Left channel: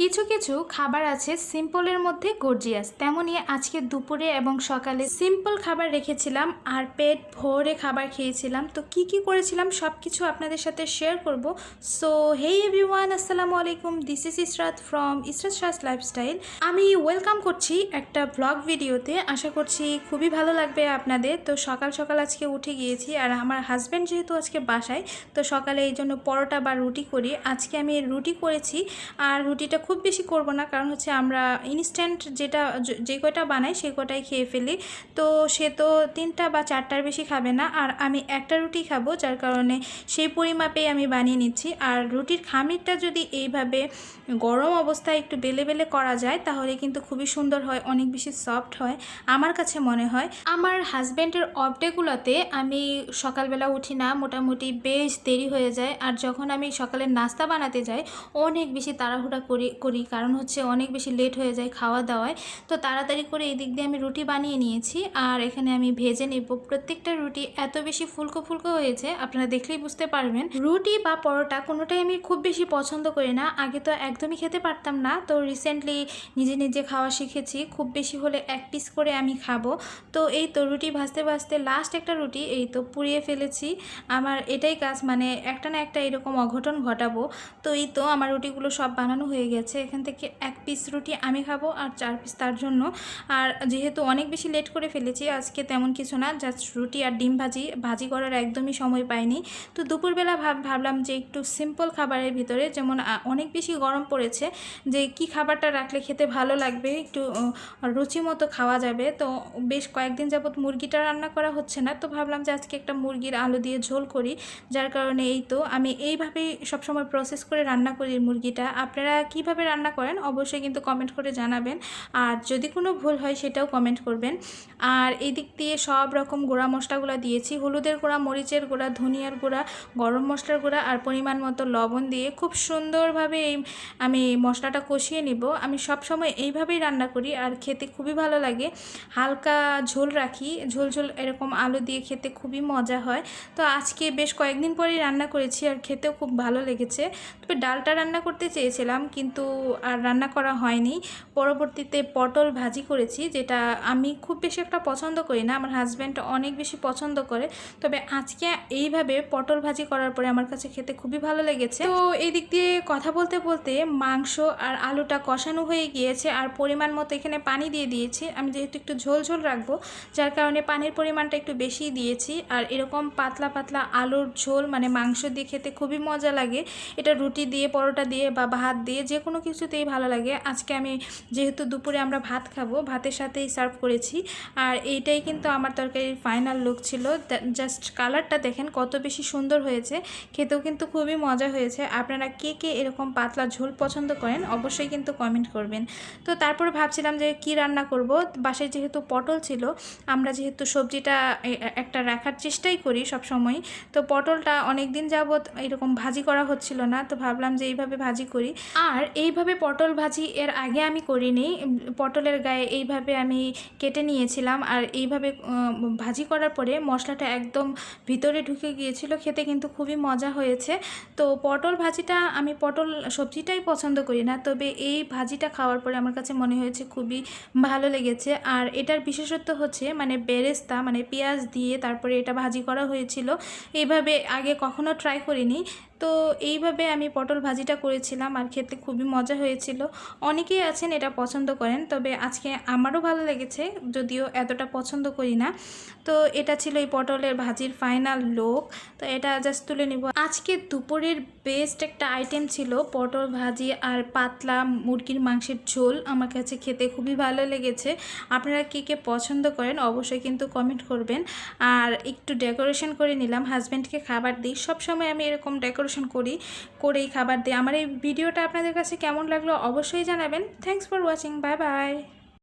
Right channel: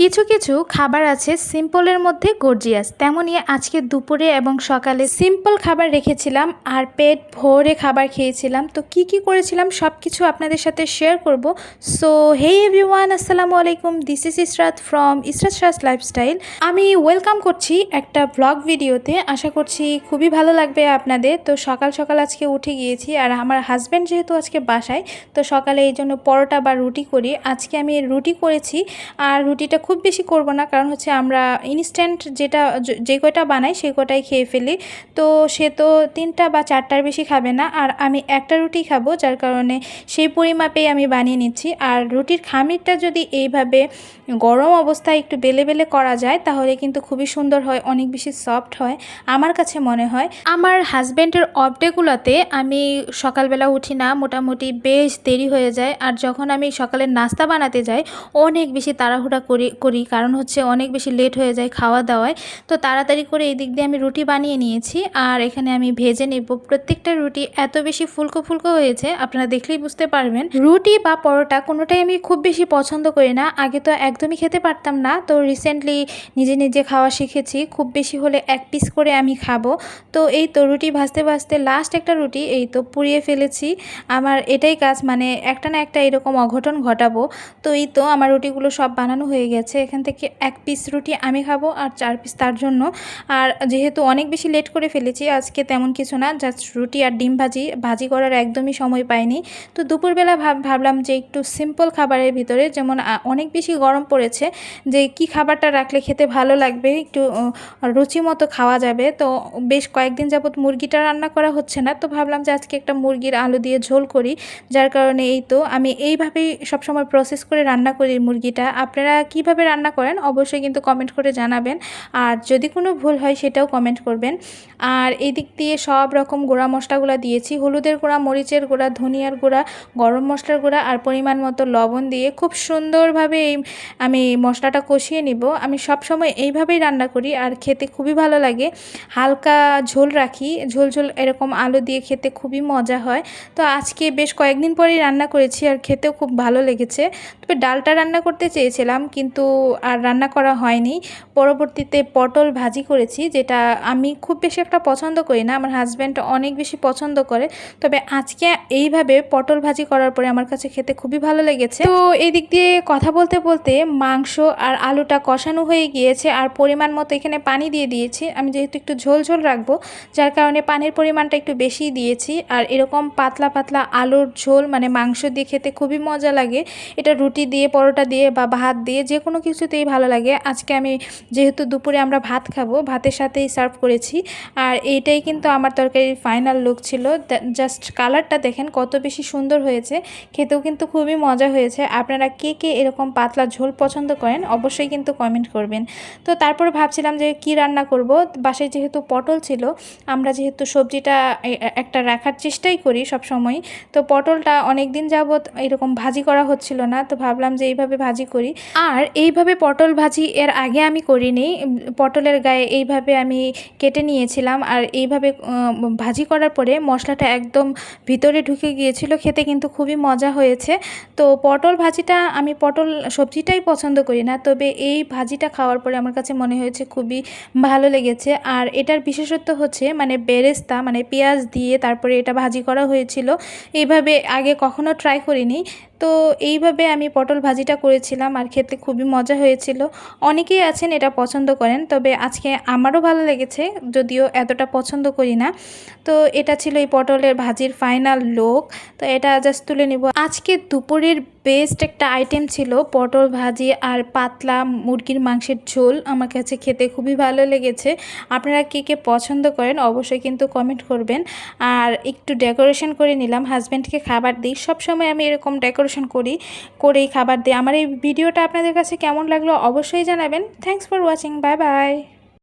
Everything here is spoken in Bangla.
কিছু কিছু খাবার আছে সিম্পলের মধ্যে গর্জিয়াস, তেমনই আজকে দুপুরে এবং সকালে সিম্পল খাবার রেখেছিলাম আর পেট ভরে খাবার খেয়েছিলাম। তো কি কি করেছিলাম সব কিছু আপনাদের সাথে শেয়ার করব। সো হে এভরিওয়ান, আসসালামু আলাইকুম, this is Israt from Israt Shah's lifestyle. আমি ওয়েলকাম করছি একটা ব্লগ ভিডিওতে। আশা করছি খুবই ভালো লাগবে আপনাদের। তো সকাল সকাল আজকে উঠে গিয়েছি আর আমার হাজব্যান্ড যেহেতু আজকে বাসায়, তো সকালে এই জন্য পরোটা বা রুটি করি। আজকে আমি রুটি করেছি আর রুটিটা খুব বেশি করব না, কারণ হচ্ছে আমরা ইনস্ট্যান্ট যে কয়টা বানাই সেই কয়টাই খেয়ে ফেলি। তো সে তো 3টা বা 4টার বেশি খাবে না, আর আমি একটা রুটি খাবো, যার কারণে সেই পরিমাপেই আমি বানিয়ে নিচ্ছি। আর রুটির খামিরটা যদি এইভাবে গরম অবস্থায় একটু বেলে বেলে করা যায় তাহলে কিন্তু খুবই সুন্দর হয়, অনেক বেশি সফট হয় আমার কাছে মনে হয়। আমার হাজব্যান্ডের অফ ডেগুলোতে আমি সকালবেলা উঠি না, মোটামুটি বেশ দেরি হয়ে যায়। আর যখন আমি সকালের নাস্তা বানাতে যাই অনেক বেশি তাড়াহুড়া করি, কারণ হচ্ছে অনেক বেশি লেট হয়ে যায় খাওয়া দাওয়ায়। তো তাড়াতাড়ি করে এই দিক দিয়ে আমি রুটি বানিয়ে নিয়েছি আর এখানে আমি ভেজে নেব। প্রত্যেকটা রুটি এত বেশি ফুলকো ফুলকো হয়েছে, আপনারা দেখলেই বুঝতে পারবেন। রুটি বা পরোটা কোনোটাই আমি খুব বেশি পছন্দ করি না, আগে তো একদমই খেতে পারতাম না। তো রিসেন্টলি নিজে নিজে খাওয়া শিখেছি, খুব বেশি হলে 1 পিস করে আমি খাবো। তো এই তো রুটি ভাজতে ভাজতে লাস্ট একটা রুটি এই তো পুড়িয়ে ফেলেছি। আমার এটাই কাজ, মানে একটা না একটা এরকম অঘটন ঘটাবো। তো এই তো আমার রুটিগুলো সব বানানো হয়ে গেছে। এখান থেকে 1 পিস রুটি আমি খাবো আর 4 পিস তার জন্য। আর যেহেতু অনেক বেশি লেট করে ফেলেছি আজকে, তেমন কিছু না, জাস্ট রুটি আর ডিম ভাজি করার একদমই সময় পাইনি। তো দুপুরবেলা ভাবলাম যে একটু সিম্পল খাবারের ভিতরে, যেমন অনেক বেশি গরম পড়েছে, যে কি খাবারটা রাখলে খেতে ভালো লাগবে, একটু রুচি মতো খাওয়া যাবে। তো বেশ কয়েকদিন যাবত মুরগিটা রান্না করা হচ্ছে না, তো ভাবলাম যে আজকে একটা মুরগির আলু দিয়ে ঝোল করি। যার কারণে এই তো আমি এইভাবেই সবসময় প্রসেস করে রান্না করি মুরগিটা। আপনারা কিভাবে রান্না করেন অবশ্যই কিন্তু কমেন্ট করে জানাবেন, আর যদি কোনো ভুল হয় সেটাও কমেন্ট করবেন। আর এই দিক দিয়ে সব রকম গুঁড়া মশলাগুলো দিয়েছি, হলুদের গুঁড়া, মরিচের গুঁড়া, ধনিয়ার গুঁড়া, গরম মশলার গুঁড়া আর পরিমাণ মতো লবণ দিয়ে খুব সুন্দরভাবে আমি মশলাটা কষিয়ে নিব। আমি সব সময় এইভাবেই রান্না করি আর খেতে খুবই ভালো লাগে। হালকা ঝোল রাখি, ঝোল ঝোল এরকম আলু দিয়ে খেতে খুবই মজা হয়। তো আজকে বেশ কয়েকদিন পরেই রান্না করেছি আর খেতেও খুব ভালো লেগেছে। তবে ডালটা রান্না করতে চেয়েছিলাম কিন্তু আর রান্না করা হয়নি। পরবর্তীতে পটল ভাজি করেছি, যেটা আমি খুব বেশি একটা পছন্দ করি না, আমার হাজব্যান্ড অনেক বেশি পছন্দ করে। তবে আজকে এইভাবে পটল ভাজি করার পরে আমার কাছে খেতে খুবই ভালো লেগেছে। তো এই দিক দিয়ে কথা বলতে বলতে মাংস আর আলুটা কষানো হয়ে গিয়েছে আর পরিমাণ মতো এখানে পানি দিয়ে দিয়েছি। আমি যেহেতু একটু ঝোল ঝোল রাখবো, যার কারণে পানির পরিমাণটা একটু বেশি দিয়েছি। আর এরকম পাতলা পাতলা আলুর ঝোল মানে মাংস দিয়ে খেতে খুবই মজা লাগে। এটা রুটি দিয়ে, পরোটা দিয়ে বা ভাত দিয়ে যে কোনো কিছুতেই ভালো লাগে। আজকে আমি যেহেতু দুপুরে আমরা ভাত খাবো, ভাতের সাথেই সার্ভ করেছি। আর এইটাই কিন্তু আমার তরকারির ফাইনাল লুক ছিল। জাস্ট কালারটা দেখেন কত বেশি সুন্দর হয়েছে, খেতেও কিন্তু খুবই মজা হয়েছে। আপনারা কে কে এরকম পাতলা ঝোল পছন্দ করেন অবশ্যই কিন্তু কমেন্ট করবেন। তো তারপর ভাবছিলাম যে কি রান্না করব। বাসায় যেহেতু পটল ছিল, আমরা যেহেতু সবজিটা একটা রাখার চেষ্টাই করি সব সময়, তো পটলটা অনেক দিন যাবত এরকম ভাজি করা হচ্ছিল না, তো ভাবলাম যে এইভাবে ভাজি করি। আর এইভাবে পটল ভাজি এর আগে আমি করিনি। পটলের গায়ে এইভাবে আমি কেটে নিয়েছিলাম আর এইভাবে ভাজি করার পরে মশলাটা একদম ভিতরে ঢুকে গিয়েছিল, খেতে কিন্তু খুবই মজা হয়েছে। তো পটল ভাজিটা, আমি পটল সবজিটাই পছন্দ করি না, তবে এই ভাজিটা খাওয়ার পরে আমার কাছে মনে হয়েছে খুবই ভালো লেগেছে। আর এটার বিশেষত্ব হচ্ছে মানে বেরেস্তা, মানে পেঁয়াজ দিয়ে তারপরে এটা ভাজি করা হয়েছিল। এইভাবে আগে কখনো ট্রাই করিনি। তো এইভাবে আমি পটল ভাজিটা করেছিলাম আর খেতে খুবই মজা হয়েছিল। অনেকেই আছেন এটা পছন্দ করেন, তবে আজকে আমারও ভালো লেগেছে, যদিও এতটা পছন্দ করি না। তো এটা ছিল এই পটলের ভাজির ফাইনাল লুক। তো এটা জাস্ট তুলে নিব। আজকে দুপুরের বেস্ট একটা আইটেম ছিল পটল ভাজি আর পাতলা মুরগির মাংসের ঝোল। আমার কাছে খেতে খুবই ভালো লেগেছে। আপনারা কে কে পছন্দ করেন অবশ্যই কিন্তু কমেন্ট করবেন। আর একটু ডেকোরেশন করে নিলাম, হাজব্যান্ডকে খাবার দিই, সবসময় আমি এরকম ডেকোরেশন করেই খাবার দিই। আমার এই ভিডিওটা আপনাদের কাছে কেমন লাগলো অবশ্যই জানাবেন। Thanks for watching, bye bye.